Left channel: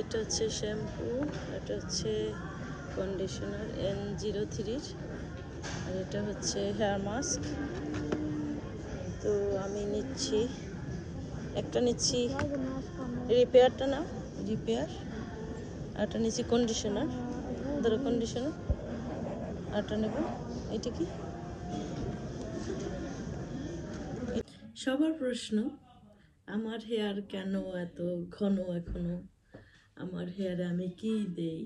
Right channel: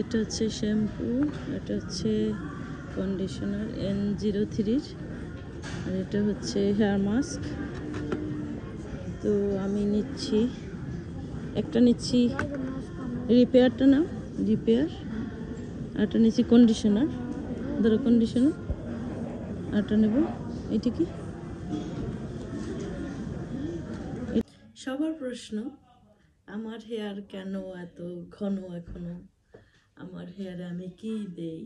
এটা হচ্ছে শ্যাম্পু, এটা হচ্ছে কন্ডিশনার N03 আর এটা হচ্ছে হেয়ার মাস্ক। তো আমি নিচ্ছি একটা, নিচ্ছি রিপেয়ারটা না, রিপেয়ার, একটা নিচ্ছি কন্ডিশনার, ধরো কন্ডিশনার, একটা নেব এটা কি। সবার প্রশ্ন, আমার হেয়ার কেন এত ঘন এখনো, আমার হেয়ারে আমি কি দেই,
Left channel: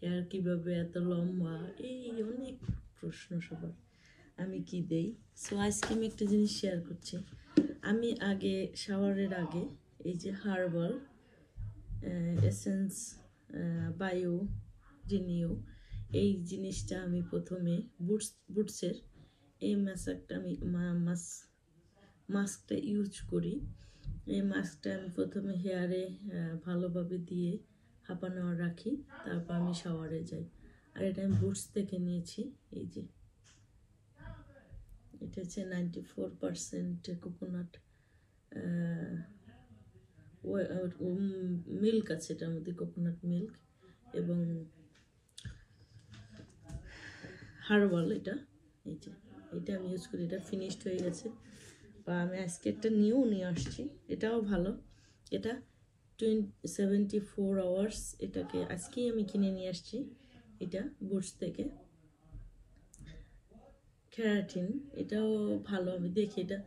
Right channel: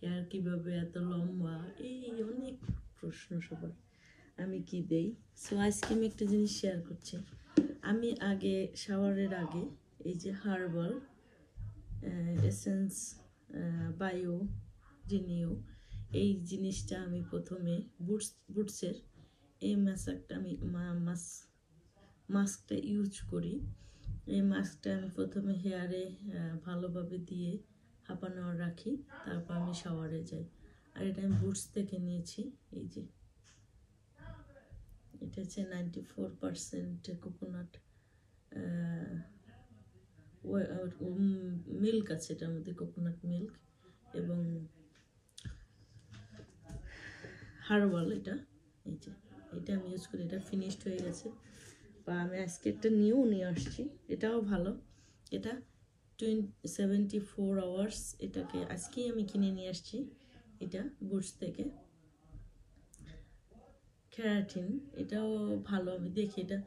হেয়ার কিভাবে এত লম্বা, এই অনেক প্রশ্ন সবার, আমি কি দেই। সো আজকে আমি একটা জিনিস শেয়ার করছি। আমি আগে শাওয়ারের আগে এই যে হার্বাল এসেন্স বায়ো রিনিউ এই জিনিসটা আমি প্রথমে বুটসের এই মাস্কটা আমি মাস্কটা ইউজ করি। এই মাস্কটা আমি প্রথমে হেয়ারে ভালোভাবে দিয়ে হাফ অ্যান আওয়ার রাখি, তারপর আমি শাওয়ারে যাই। আর এটা আমি বুটস থেকে নিয়েছি। এই যে এটা হচ্ছে 94% কোকোনাট মিল্ক আছে, এটার মধ্যে কোকোনাট মিল্ক এবং হার্বাল। এটা এই যে এটা আমি ইউজ করি, এটা ফিনিশড হয়ে গেছে। বা আমি আজকে একটা নিয়ে আসছি, এটাও ভালো। এটা 74 আওয়ার্স, এটাকে আজকেই আমি কিনে নিয়ে আসছি। এটা বুটস থেকে ক্যারাটিন, এটাও ভালো। আমি দেখি এটা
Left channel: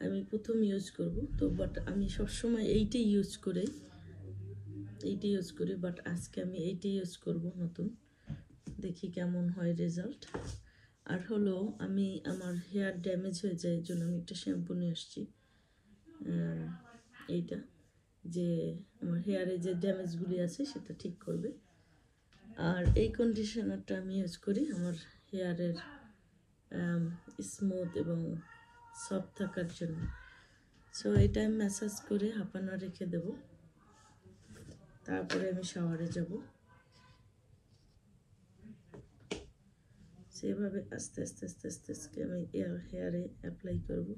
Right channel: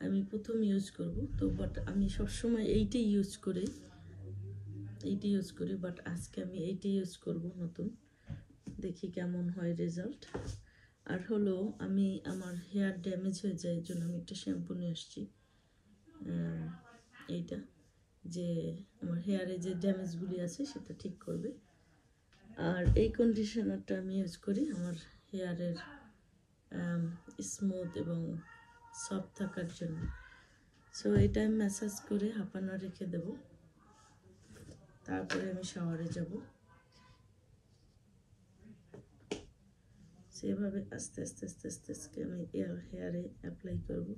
আমি প্রথম ইউজ করব তো, বাট আমি সবসময় এইটাই ইউজ করি, বাট আজকে আমি এইটাই ইউজ করব নতুন, দেখি কেমন হয় রেজাল্ট। আর হলো আমি আমার হেয়ার ড্যামেজ হয়ে যায়, এর জন্য আমি একটা শ্যাম্পু নিয়ে আসছি। এইটা যে আমার হেয়ারে যে ড্যামেজগুলি আছে সেটা ঠিক করবে। আর এই কন্ডিশনারটা আমি ইউজ করি আমার হেয়ারের স্মুথ এবং সফট থাকার জন্য। সো এটা আমি ম্যাসাজ করে হাফ অ্যান আওয়ার রেখে দেবো, তারপরে আমি শাওয়ারে যাব। সেভাবে আস্তে আস্তে আস্তে আস্তে আস্তে আমি হেয়ারে অ্যাপ্লাই করব।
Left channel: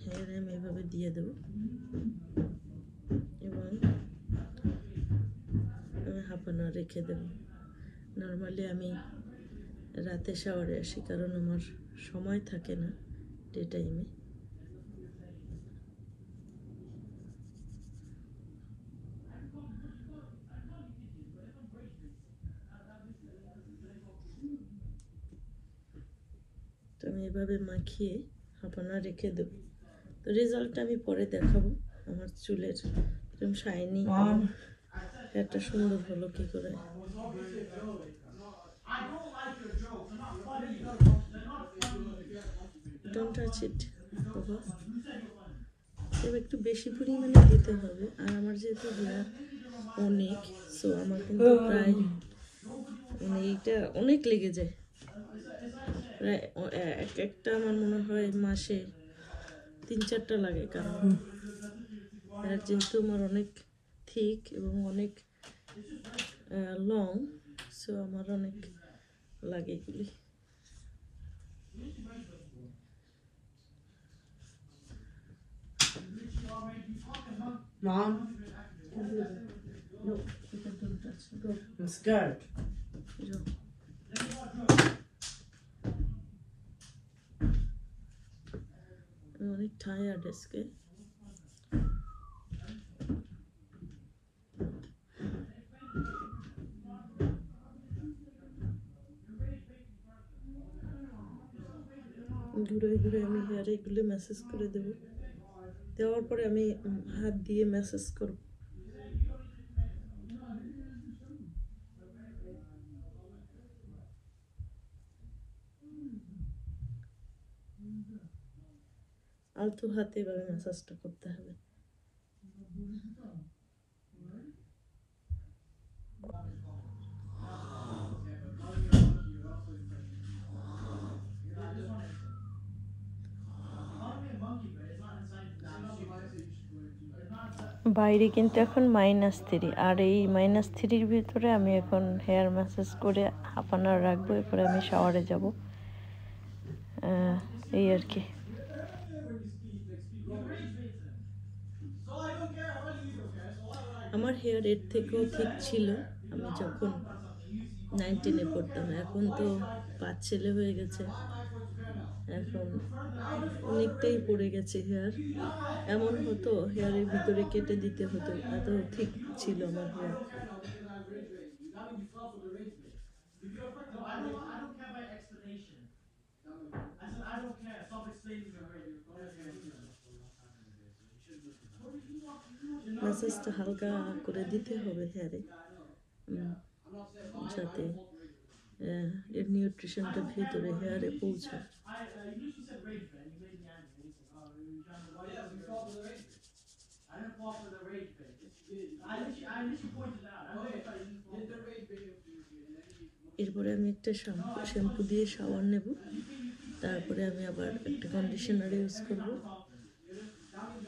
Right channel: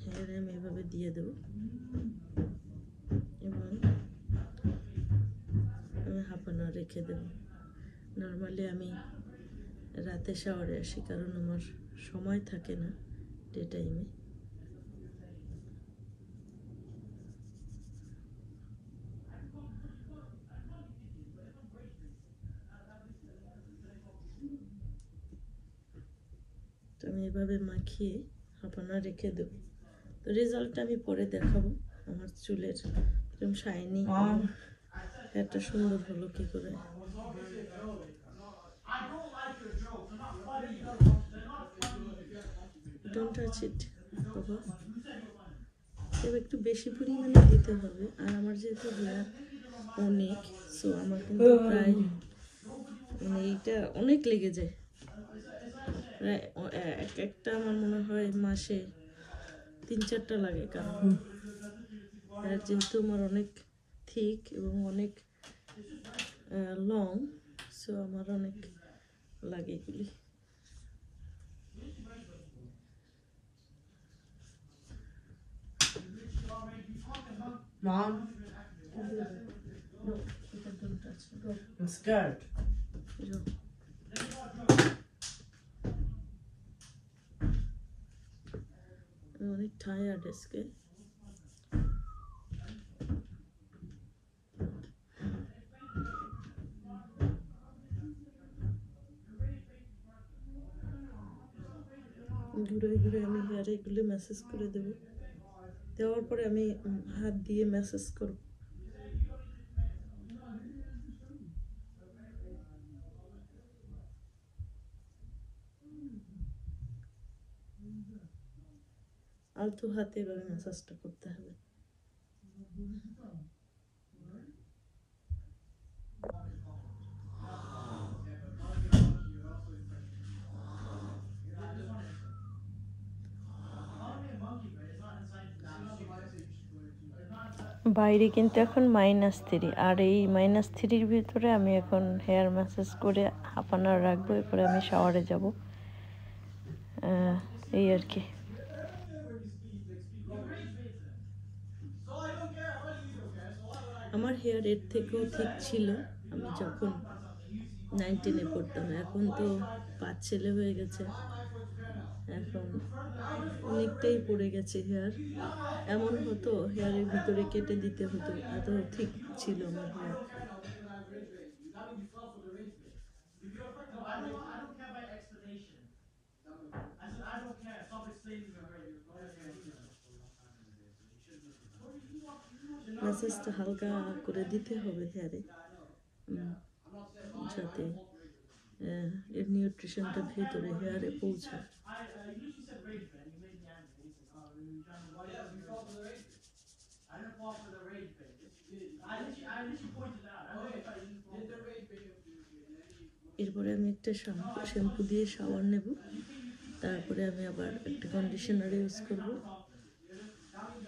হেয়ারে আমি এভাবে দিয়ে দেবো এবং আমি হাফ অ্যান আওয়ার রেখে দেবো। নর্মালি আমি রাতে শাওয়ারে আসি, কারণ আমার সময় থাকে না ডে টাইমে। তো আমি এভাবে মাখিয়ে হাফ অ্যান আওয়ার রেখে দেবো। তো রেজাল্টটা আমি পরে দেখাবো। আমার চুলের এরকম শাইনি হেয়ারটা সুন্দর হলো কি করে। ডোন্ট টাচ ইট বাবা, তবে একটু বেশি পরিমাণে দিতে হবে। আর আমার যেহেতু হেয়ার অনেক, সো আমার কিন্তু প্রায় এটা অনেক লেগে যায়। প্রায় একটা আমার মনে হয় মাসে 3-4টা লাগে, কারণ হেয়ার যেহেতু আমার অনেক থিক এবং অনেক লং, সো আমার অনেক লাগে এগুলি। Mom? No, don't touch me. I'm scared. No. I'm অনেক টায়ার্ড আজকে। ঘুরে ঘুরে আমি হেয়ারে এগুলো ম্যাসেজ করে দেবো, দেওয়ার পরে আমি হাত দিয়ে ম্যাসেজ করব। আলতো হাতে এভাবে ম্যাসাজটা করতে হবে। বাইরে কিন্তু এখন -3, আর এই -3-র ভিতরে আমি এখন হেয়ার ম্যাসাজ করে হাফ অ্যান আওয়ার রাখবো, এরপরে আমি শাওয়ারে যাব। এই আর কি। আমার হেয়ার এর থেকেও ঠিক ছিল আমি যখন 19-এ পড়তাম। এখন তো 5 ছেলে হয়ে গেছে, এখন অনেকটাই পড়ে গেছে হেয়ার। এমন হতো হেয়ারের ভিতরে কেটে দিতে হতো, এত ঠিক ছিল আমার হেয়ার। ম্যাসেজটা হালকা করে দিতে হবে হেয়ারে, যাতে এর নিউট্রিশনটা ভেতরে হেয়ারে পৌঁছায়। এরপরে আমি একটা শ্যাম্পু দিয়ে শাওয়ার নেব, তারপরে আমি আবার একটা কন্ডিশনার ইউজ করব,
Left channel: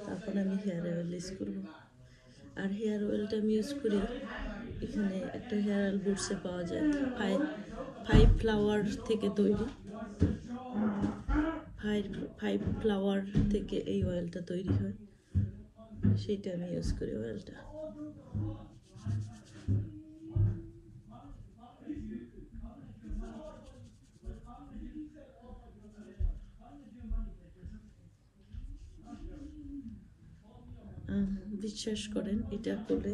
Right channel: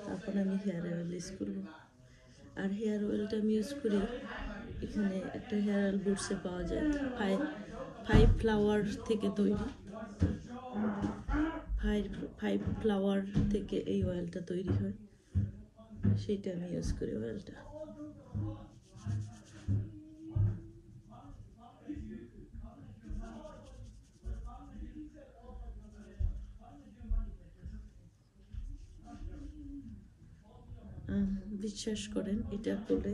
তারপরে আমি হেয়ার অয়েল ইউজ করব। আর হেয়ার অয়েলটা আমি ইউজ করি, এখানে একটা হেয়ার অয়েল বুটসে পাওয়া যায়, ফাইভ ফ্লাওয়ার থেকে তৈরি। ফাইভ ফ্লাওয়ার থেকে এই অয়েলটা তৈরি হয়, সেইটা আমি ইউজ করি অয়েলটা। বিশ্বাস করেন এটা করলে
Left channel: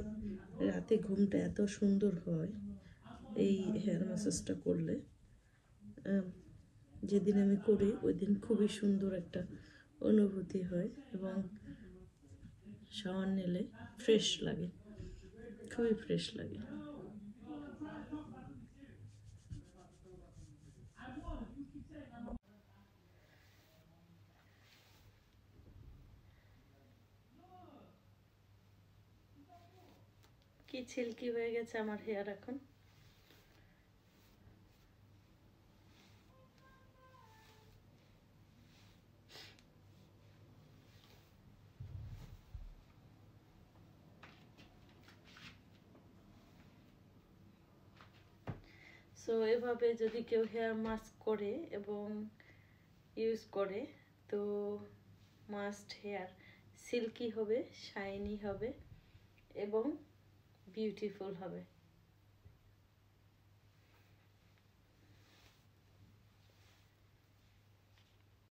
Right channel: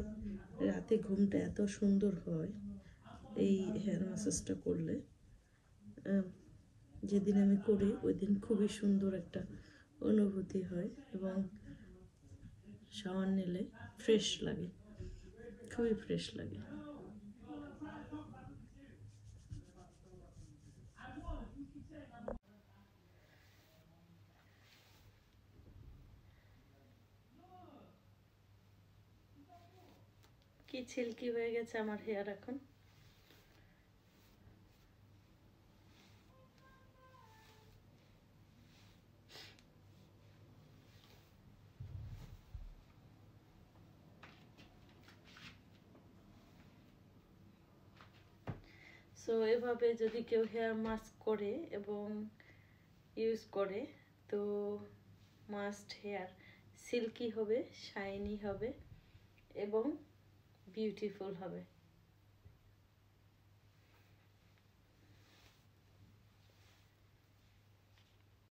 রাতে ঘুমটা এত সুন্দর হয়, এই হেয়ার ম্যাসাজটা করলে। যেদিন আমি করি ওই দিন খুবই সুন্দর একটা অনুভূতি হয় এবং শাওয়ার নিলে ফ্রেশ লাগে, খুবই ফ্রেশ লাগে। কি সিল্কি হয়ে গেছে আমার হেয়ার এখন। সো এভাবে যদি কেউ হেয়ার মাস্ক করে এবং ইউজ করে তো মাস্ট হেয়ার সিল্কি হবে, শাইনি হবে এবং বিউটিফুল হবে।